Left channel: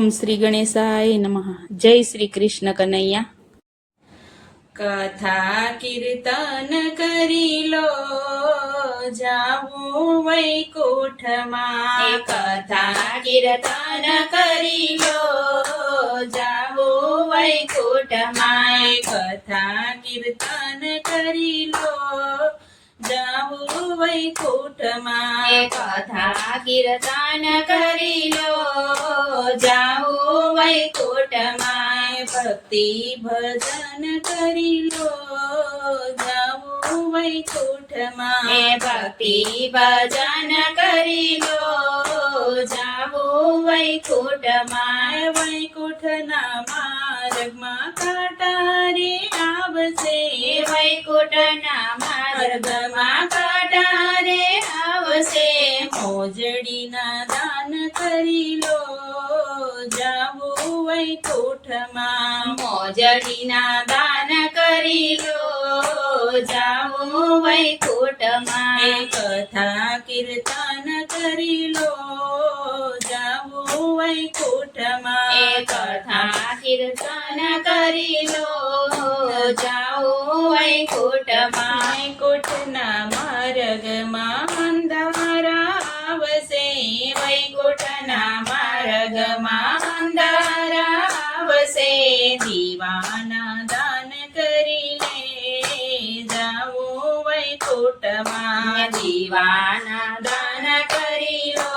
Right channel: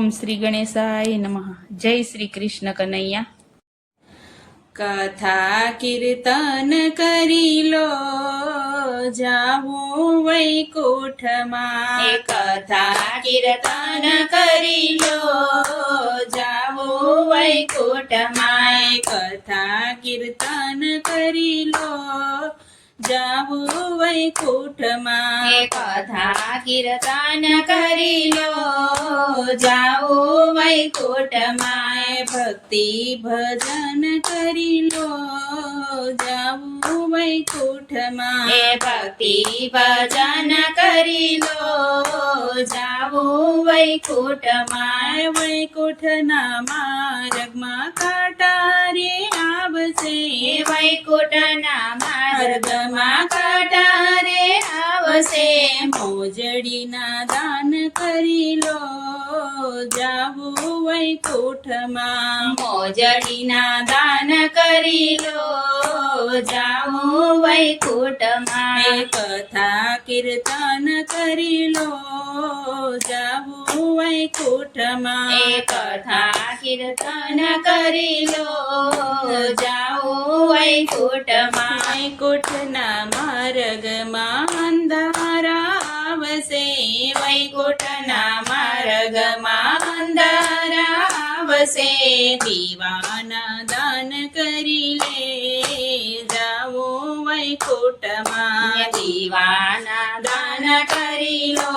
ઓમ શ્રી ગણેશાય નમઃ જય શ્રી કૃષ્ણ કનૈયા કથા કીર્તન કરી લો જાવું વૈકુંઠમાં કથા કીર્તન કરી લો જાવું વૈકુંઠમાં કથા કીર્તન કરી લો જાવું વૈકુંઠમાં એ કથા કીર્તન કરી લો જાઓ વૈકુંઠમાં ભક્તિ ભજન કરી લો જાવું વૈકુંઠમાં એ ભક્તિ ભજન કરી લો જાઓ વૈકુંઠમાં વૈકુંઠના માર્ગમાં કાટારે આવશે એ વૈકુંઠના માર્ગમાં કટારે આવશે મોજડીના દાન કરી લો જાવું વૈકુંઠમાં મોજડીના દાન કરી લો જાઓ વૈકુંઠમાં એ કથા કીર્તન કરી લો જાવું વૈકુંઠમાં એ કથા કીર્તન કરી લો જાઓ વૈકુંઠમાં વૈકુંઠના માર્ગમાં અંધારા વૈકુંઠના માર્ગમાં અંધારા આવશે દીવાના દાન કરી લે જાઓ વૈકુંઠમાં દીવાના દાન કરી લો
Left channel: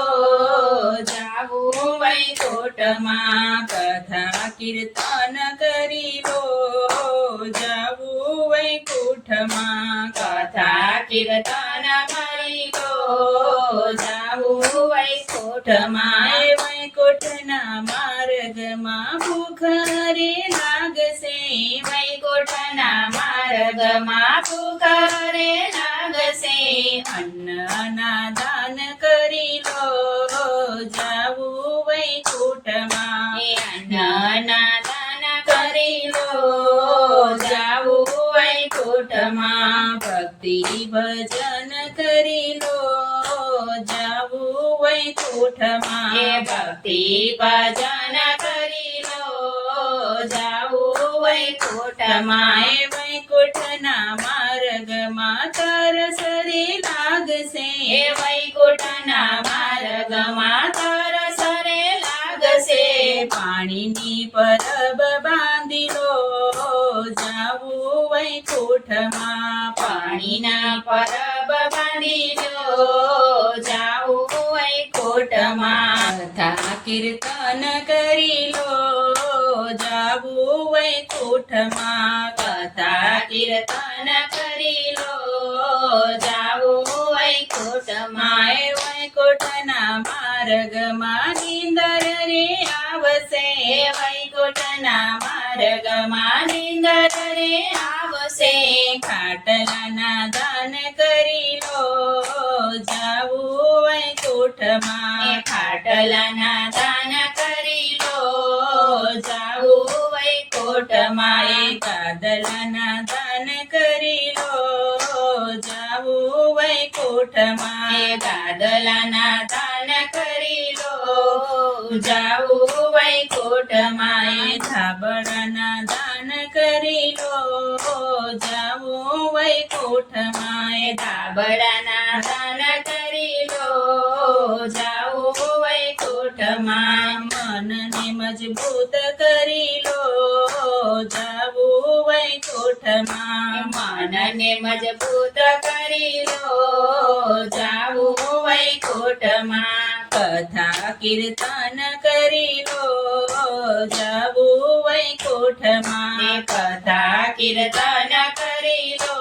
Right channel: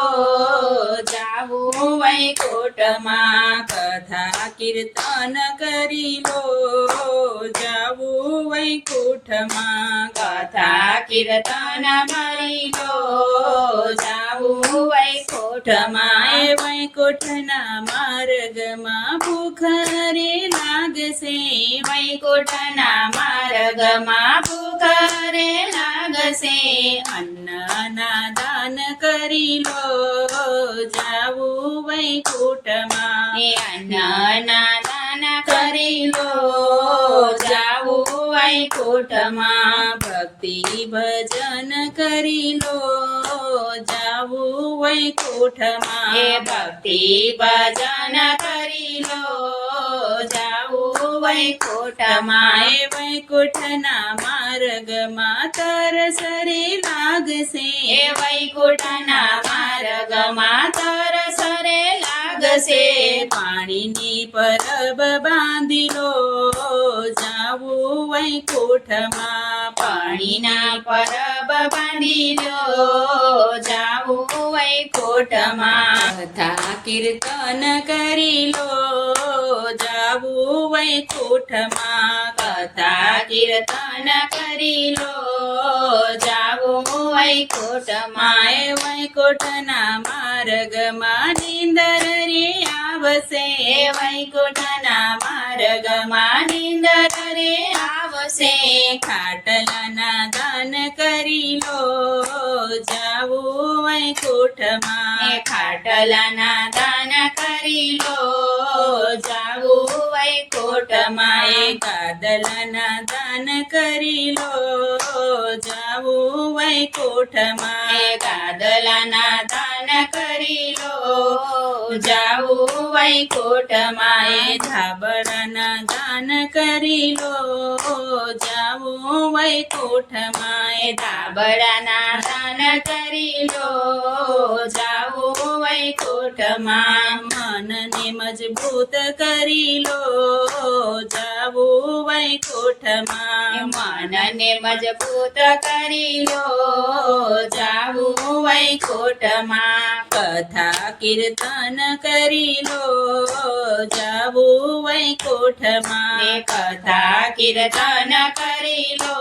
જાવું વૈકુંઠમાં કથા કીર્તન કરી લો જાવું વૈકુંઠમાં કથા કીર્તન કરી લો જાવું વૈકુંઠમાં એ વૈકુંઠના માર્ગમાં ભૂખરે લાગશે વૈકુંઠના માર્ગમાં પુકારે લાગશે અન્નના દાન કરી લો જાવું વૈકુંઠમાં એ અન્નના દાન કરી લો જાવું વૈકુંઠમાં ભક્તિ ભજન કરી લો. જાવું વૈકુંઠમાં એ ભક્તિ ભજન કરી લો. જાવું વૈકુંઠમાં. એ વૈકુંઠના માર્ગમાં તરસરે લાગશે. એ વૈકુંઠના માર્ગમાં તરસરે લાગશે. પાણીની પરબ બાંધી લો. જાવું વૈકુંઠમાં પાણીના પરબ બાંધી લો જાવું વૈકુંઠમાં. કથા કીર્તન કરી લો જાવું વૈકુંઠમાં. કથા કીર્તન કરી લો જાવું વૈકુંઠમાં. વૈકુંઠના માર્ગમાં નિંદર રે આવશે એ વૈકુંઠના માર્ગમાં નિંદર રે આવશે ખાટલાના દાન કરી લો જાવું વૈકુંઠમાં એ ખાટલાના દાન કરી લો જાવું વૈકુંઠમાં એ કાદલાના દાન કરી લો જાવું વૈકુંઠમાં એ ગાદલાના દાન સ્નાન કરી લો. જાઉં વૈકુંઠ માએ ધાબળન દાન કરી લો. જાઉં વૈકુંઠ માએ ધાબળના દાન કરી લો. જાઉં વૈકુંઠમાં મનને મજબૂત કરી લો. જાવું વૈકુંઠમાં. મનને મજબૂત કરી લો. જાવું વૈકુંઠમાં. કથા કીર્તન કરી લો. જાવું વૈકુંઠમાં એ કથા કીર્તન કરી લો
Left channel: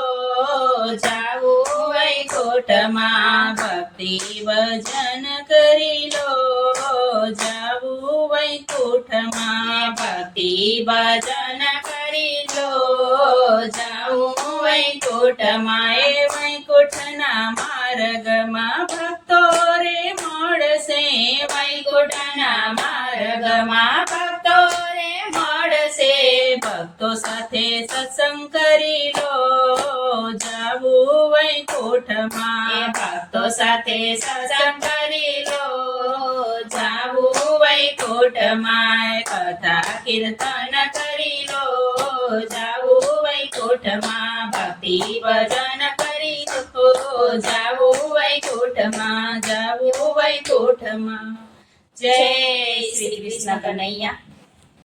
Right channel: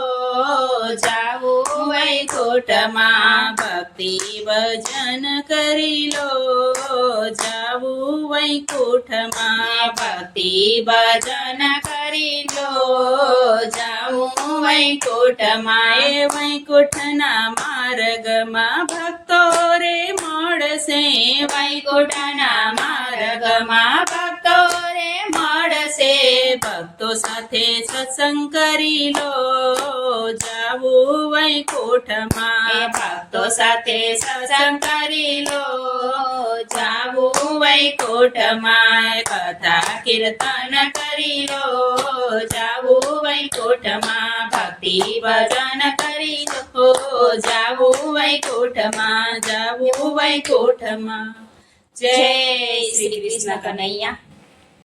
જાવું વૈકુંઠમાં ભક્તિ ભજન કરી લો જાવું વૈકુંઠમાં ભક્તિ ભજન કરી લો જાવું વૈકુંઠમાં એ વૈકુંઠના માર્ગમાં ભક્તો રે મળશે વૈકુંઠના માર્ગમાં ભક્તો રે મળશે ભક્તો સાથે સત્સંગ કરી લો જાવું એ વૈકુંઠમાં ભક્તો સાથે સત્સંગ કરી લો જાવું વૈકુંઠમાં કથા કીર્તન કરી લો જાવું વૈકુંઠમાં ભક્તિ ભજન કરી લો જાવું વૈકુંઠમાં જાવું વૈકુંઠમાં જય શ્રી કૃષ્ણ કનૈયા